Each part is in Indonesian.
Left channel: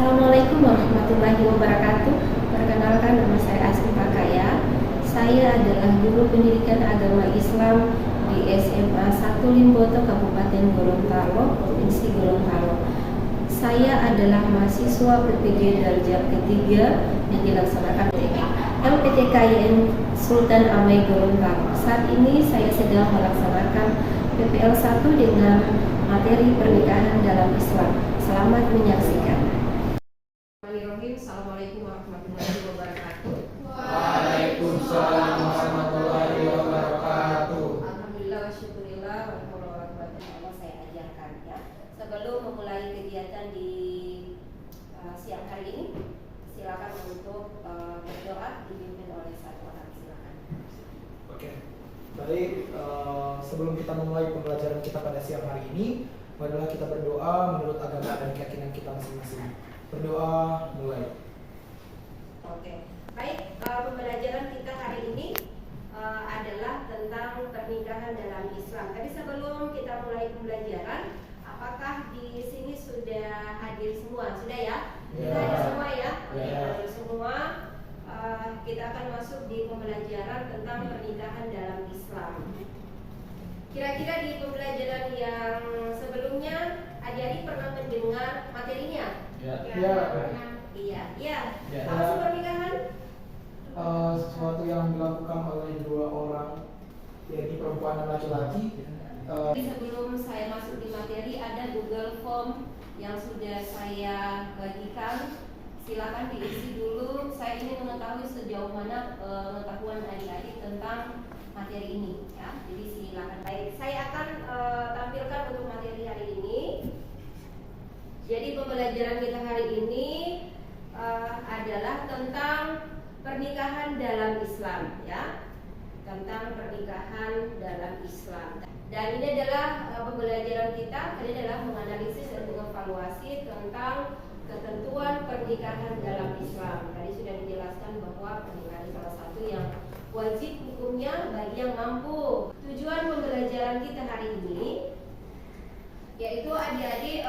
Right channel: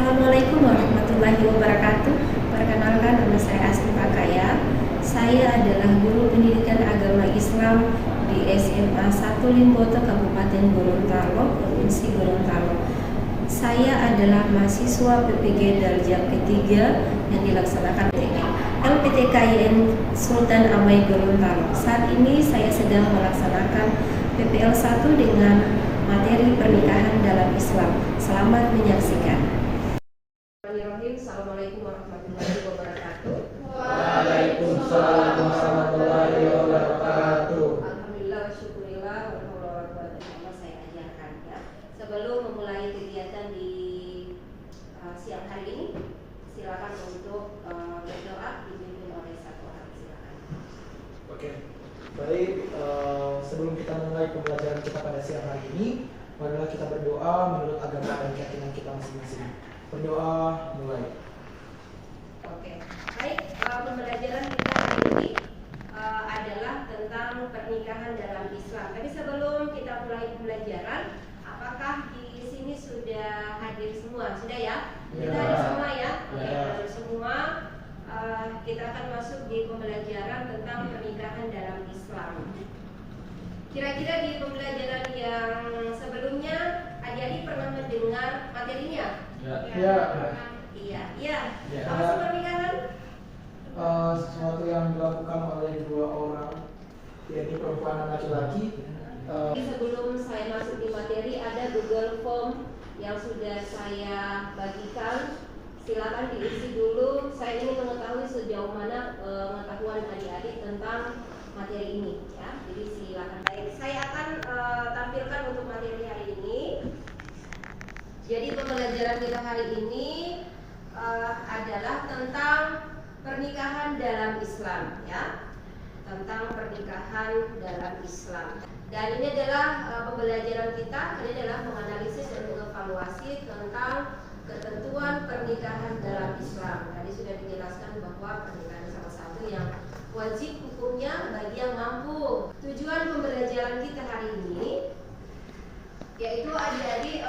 Assalamualaikum warahmatullahi wabarakatuh. Perkenalkan, nama saya Asri Pakaya. Saya adalah guru pendidikan agama Islam di SMA 1 Limboto, Kabupaten Gorontalo, Provinsi Gorontalo. Saya adalah mahasiswa PPG Darjah ketiga yang dilaksanakan oleh LPTKIN Sultan Amai Gorontalo. Saat ini saya sedang melaksanakan PPL 1 dengan materi pernikahan dalam Islam. Selamat menyaksikan. Assalamualaikum warahmatullahi wabarakatuh. Waalaikumsalam warahmatullahi wabarakatuh. Alhamdulillah, syukurillah, Allah saya ajarkan ya. Sebelum memulai kegiatan di siang hari ini, silakan untuk berdoa dipimpin oleh satu orang. Silakan. Oke, baik. Sebelum kita memulai pembelajaran kita pada siang hari ini, marilah kita berdoa menurut agama dan keyakinan kita masing-masing. Berdoa mulai. Oke, baik. Pembelajaran kita hari ini adalah tentang pernikahan dalam Islam. Tapi sebelum kita mulai pembelajaran, apakah di sini sudah hadir semua? Sudah ya? Kita hadir semua ya? Hadir semua. Kita akan masuk di pembelajaran tentang pernikahan dalam Islam. Kira-kira di pembelajaran yang sebelumnya, adik-adik pernah mendengar materinya? Iya. Apa sih pernikahan? Sesuatu yang dilakukan oleh dua orang, yaitu perempuan dan laki-laki. Sebelum saya masuk di materi, ada Google Form yang sudah saya bagikan. Silakan diisi dulu. Saya ingin mengetahui sejauh mana pengetahuan adik-adik tentang materi ini. Ya, jadi silakan. Baik, saya akan tampilkan untuk materi hari ini. Jadi pembelajaran kita hari ini adalah tentang pernikahan dalam Islam, ya, tentang pernikahan dalam Islam. Dan ini adalah pembelajaran kita. Ini adalah menganalisis dan mengevaluasi tentang ketentuan pernikahan dalam Islam. Tadi sudah dijelaskan bahwa pernikahan salah satu yang wajib hukumnya bagi yang mampu. Tujuan pembelajaran kita hari ini yaitu adik-adik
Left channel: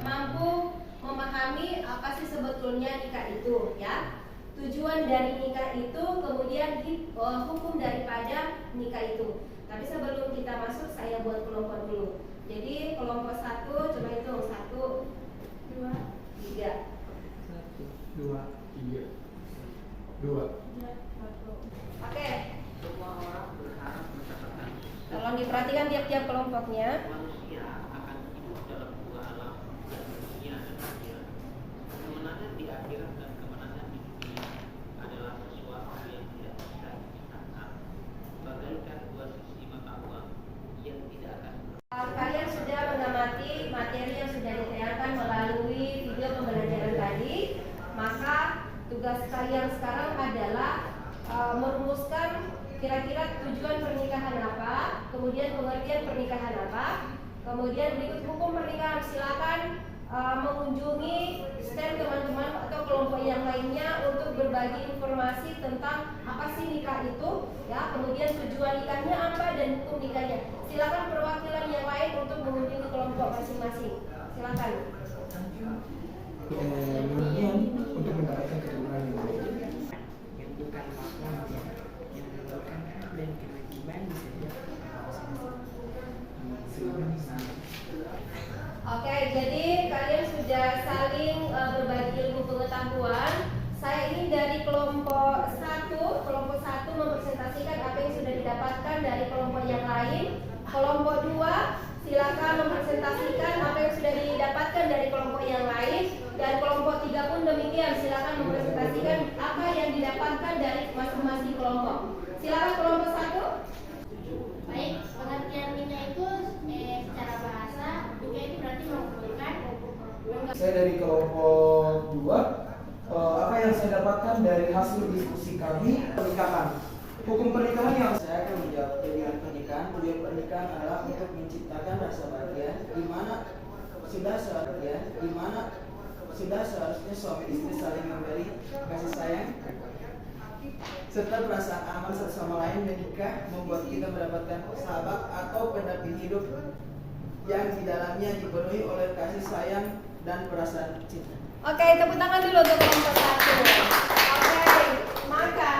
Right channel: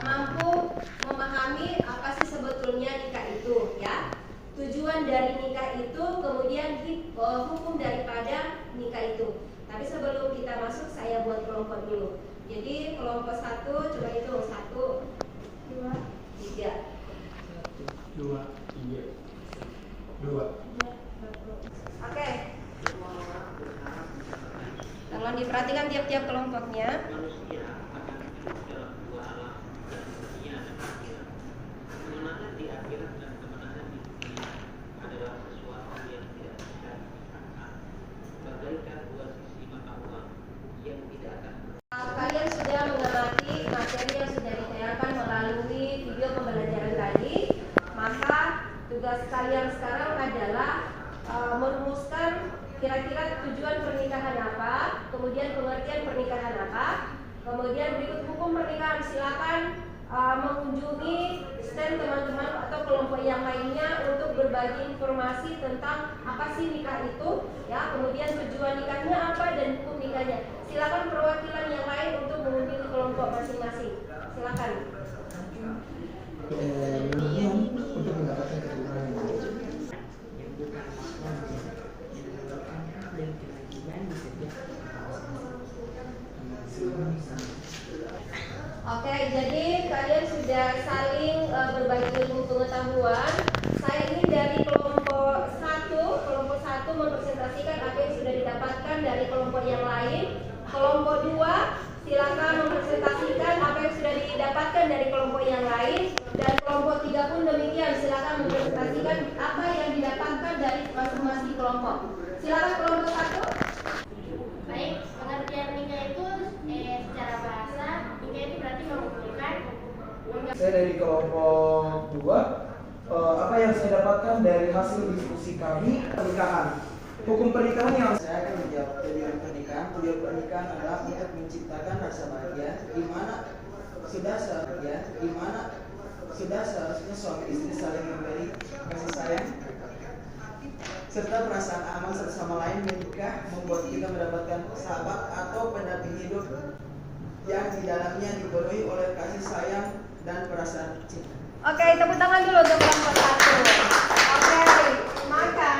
mampu memahami apa sih sebetulnya nikah itu, ya. Tujuan dari nikah itu, kemudian hukum daripada nikah itu. Tapi sebelum kita masuk, saya buat kelompok dulu. Jadi kelompok 1, coba hitung 1, 2, 3. 1, 2, 3, 2. Oke. Kalau diperhatikan tiap-tiap kelompoknya. Kalian sudah mengamati materi yang sudah ditayangkan melalui video pembelajaran tadi. Maka tugas kalian sekarang adalah merumuskan kira-kira tujuan pernikahan apa, kemudian pengertian pernikahan apa, kemudian berikut hukum pernikahan. Silakan mengunjungi stand teman-teman atau kelompok yang lainnya untuk berbagi informasi tentang apa sih nikah itu, ya, kemudian tujuan nikahnya apa dan hukum nikahnya. Silakan perwakilan yang lain untuk mengunjungi kelompok masing-masing. Silakan. Untuk mendapatkan keturunan yang baik. Yang bukan makna yang menyebabkan hak dan kewajiban disediakan Oke, jadi kalian sudah saling berbagi ilmu pengetahuan. Saya ini dari kelompok 1 mempresentasikan apa yang sudah didapatkan dari kelompok yang lain. Kelompok 2 silakan mempresentasikan apa yang sudah didapatkan dari kelompok yang lain. Dan kelompok 3 pun demikian, silakan mempresentasikan apa yang didapatkan dari masing-masing kelompok. Silakan kelompok 1. Baik, pengertian nikah itu secara bahasa nikah itu berarti mengumpulkan. Saya dari kelompok 2. Apa yang saya dapatkan dari hasil diskusi kami pernikahan. Hukum pernikahan yang Saya akan menjawab tujuan pernikahan. Tujuan pernikahan adalah untuk menciptakan rasa bahagia, di mana sudah seharusnya suami istri saling memberi kasih sayang serta perasaan aman satu sama lain. Menikah membuat kita mendapatkan sahabat atau pendamping hidup yang di dalamnya dipenuhi oleh kasih sayang dan perasaan cinta. Oke, tepuk tangan dulu untuk kelompok satu. Oke, maka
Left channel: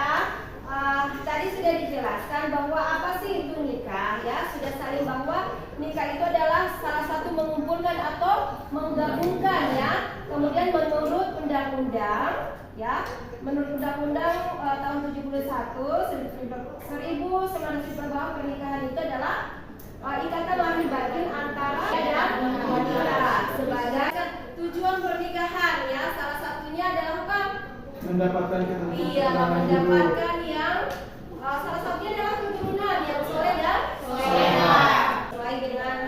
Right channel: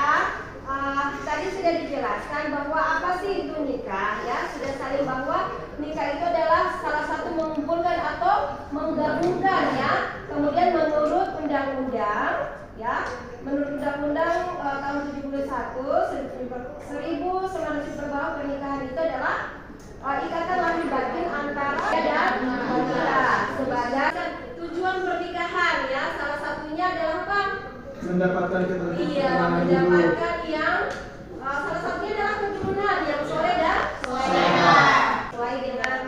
tadi sudah dijelaskan bahwa apa sih itu nikah, ya sudah saling bahwa nikah itu adalah salah satu mengumpulkan atau menggabungkan, ya. Kemudian menurut undang-undang, ya, menurut undang-undang tahun 1900 bahwa pernikahan itu adalah ikatan lahir batin antara dan wanita. Sebagai tujuan pernikahan, ya, salah satunya adalah apa? Mendapatkan keturunan. Iya, mendapatkan yang salah satunya adalah keturunan yang soleh dan soleha. Sesuai dengan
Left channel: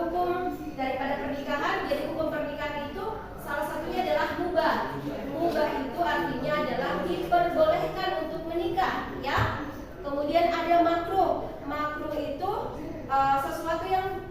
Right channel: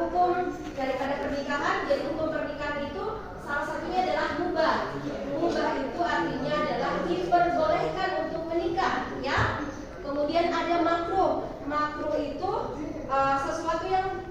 hukum daripada pernikahan, jadi hukum pernikahan itu salah satunya adalah mubah. Mubah itu artinya adalah diperbolehkan untuk menikah, ya. Kemudian ada makruh. Makruh itu sesuatu yang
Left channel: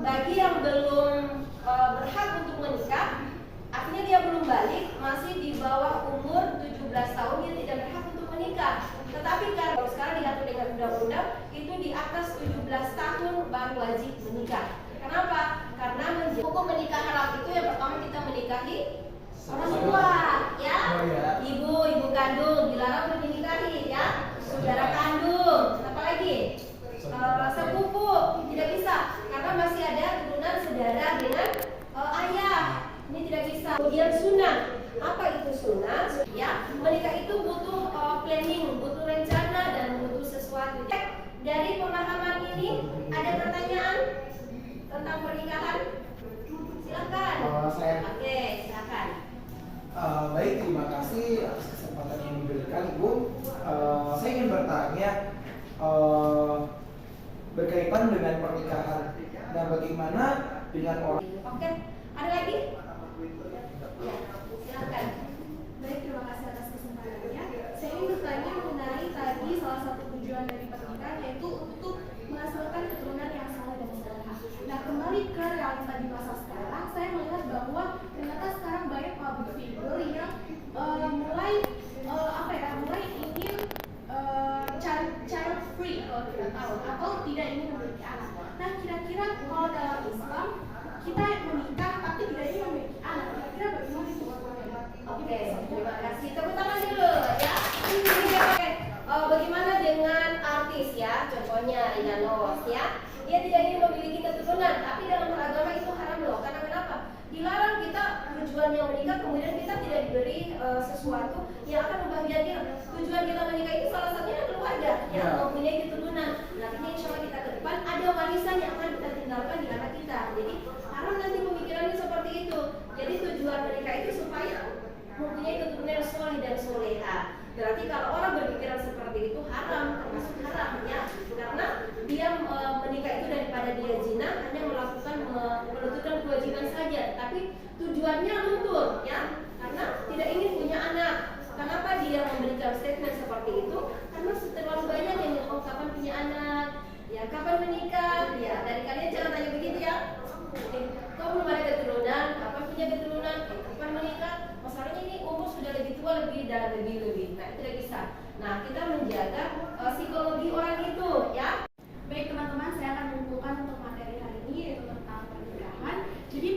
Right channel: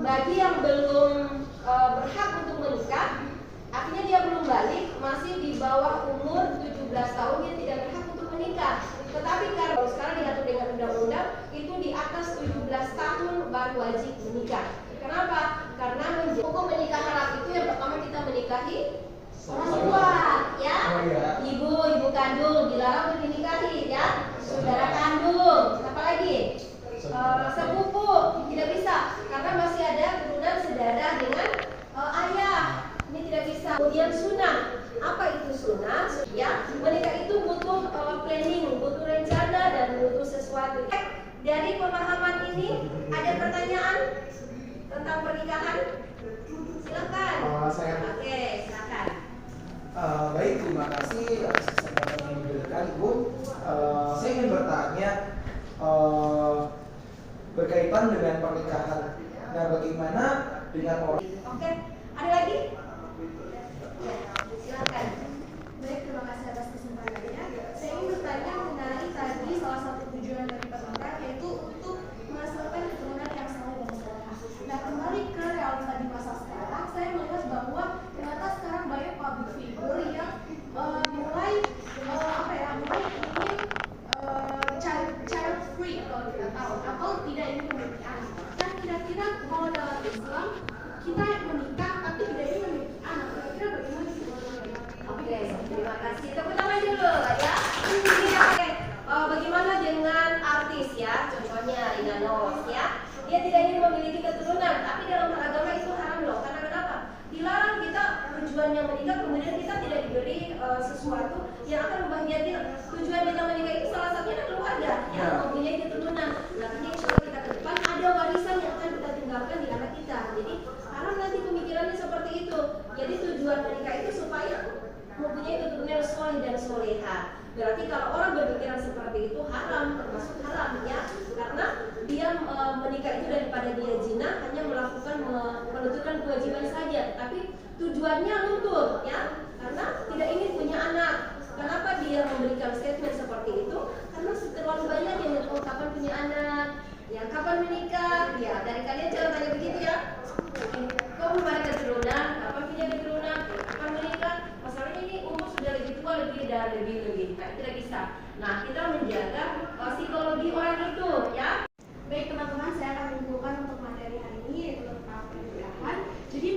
bagi yang belum berhak untuk menikah, artinya dia belum balik, masih di bawah umur 17 tahun, dia tidak berhak untuk menikah. Tetapi kalau sekarang diatur dengan undang-undang, itu di atas 17 tahun baru wajib menikah. Kenapa? Karena hukum menikah haram itu yang pertama kita menikahi orang tua, ya. Ibu kandung dilarang untuk dinikahi, ya. Saudara kandung, apa lagi? Sepupu tidak bisa karena masih ada keturunan saudara dengan ayah, ini tidak bisa. Kemudian sunnah, apa itu sunnah? Ya, menikah itu butuh planning, butuh rencana dan butuh sesuatu. Dari pemahaman ini ada pertanyaan tentang pernikahan? Silakan. Oke, silakan. Baik, terima kasih atas kesempatan yang diberikan Ibu. Saya ingin bertanya berkaitan dengan pernikahan. Nah, bagaimana dengan orang? Oke, ada lagi? Ya, silakan. Baik, terima kasih atas kesempatannya. Saya ingin bertanya mengenai tadi salah satu tujuan dari pernikahan yaitu untuk menghasilkan keturunan yang saleh dan soleha. Nah, kembali ke realita di masa sekarang, saya melihat bahwa ternyata sekarang banyak public figure yang mulai ingin child free kalau kita tahu, atau tidak ingin memiliki anak. Dan kira-kira kalau dalam Islam kita menikah tapi tidak ingin memiliki anak, kira-kira bagaimana itu? Oke, terima kasih. Tepuk tangan dulu, ya. Oke. Bagaimana dengan artis, ya? Contohnya Rina Nose, ya. Dia tidak ingin memiliki keturunan, tapi dalam agama itu haram loh. Karena kenapa? Dilarang kita tujuannya menikah, kemudian kita tidak diberi sesuatu yang akan membahagiakan. Tujuan kita menikah itu salah satunya adalah keluarga, ya, mempunyai keturunan. Nantinya insya Allah kita ke depan ada warisan yang akan kita tinggalkan di anak kita. Jadi haram nanti pemikirannya seperti itu. Jadi tujuan menikah itu supaya mempunyai keturunan yang soleh dan soleha. Berarti kalau orang berpikiran seperti itu haram, termasuk haram, ya, karena dia menikah itu daripada dia zina hanya melakukan menuntunkan kewajiban saja, tapi tujuannya luntur, ya, karena tidak ingin punya anak. Kenapa dia memberikan statement seperti itu? Karena terlalu banyak yang kapan punya anak, ya, kapan menikah, ya. Dari kalian jangan tanya begitu, ya. Kok belum ada keturunan? Kapan punya keturunan? Kapan menikah? Masalahnya ini umur sudah lebih tua, lebih. Nah, tidak bisa. Nah, kita menjaga psikologi orang itu, ya. Baik teman-teman, saya akan menyimpulkan untuk materi hari ini yaitu tentang pernikahan. Jadi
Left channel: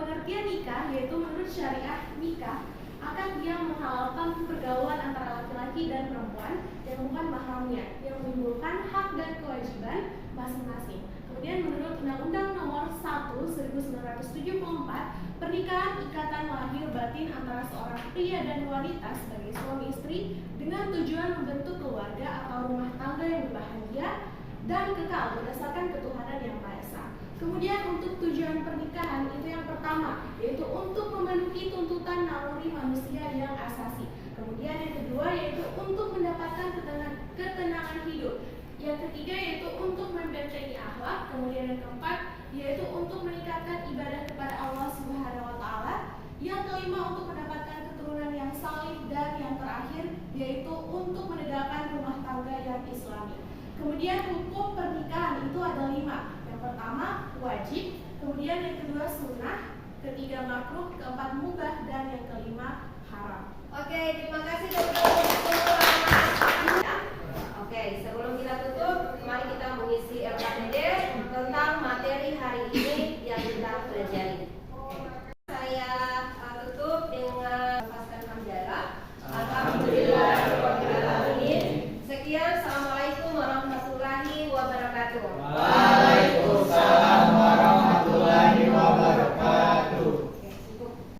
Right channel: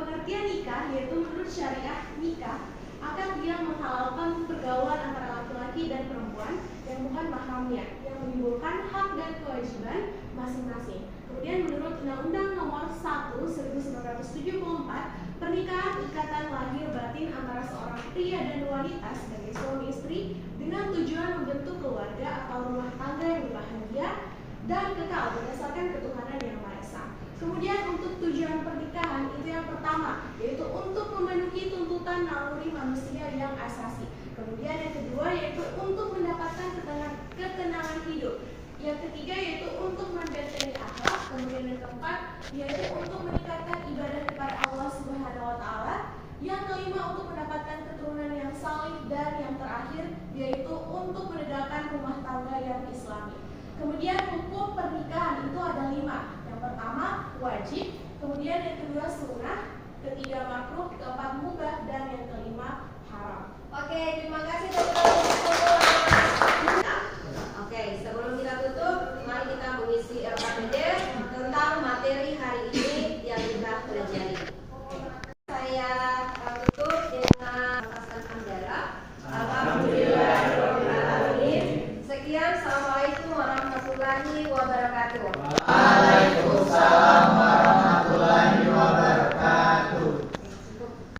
pengertian nikah yaitu menurut syariah nikah akan dia menghalalkan pergaulan antara laki-laki dan perempuan yang bukan mahramnya, yang menimbulkan hak dan kewajiban masing-masing. Kemudian menurut Undang-Undang Nomor 1 1974, pernikahan ikatan lahir batin antara seorang pria dan wanita sebagai suami istri dengan tujuan membentuk keluarga atau rumah tangga yang berbahagia dan kekal berdasarkan ketuhanan yang Maha Esa. Kemudian untuk tujuan pernikahan itu yang pertama yaitu untuk memenuhi tuntutan naluri manusia yang asasi. Kemudian yang kedua yaitu untuk mendapatkan ketenangan hidup. Yang ketiga yaitu untuk membentengi akhlak. Kemudian yang keempat yaitu untuk meningkatkan ibadah kepada Allah Subhanahu wa taala. Yang kelima untuk mendapatkan keturunan yang saleh, dan yang terakhir yaitu untuk menegakkan rumah tangga yang islami. Kemudian hukum pernikahan itu ada 5. Yang pertama wajib, kemudian yang kedua sunnah, ketiga makruh, keempat mubah, dan yang kelima haram. Oke, terima kasih teman-teman. Oke, sebelum kita tutup, mari kita mengisi RKPD tentang materi hari ini yang kita pelajari. wabarakatuh.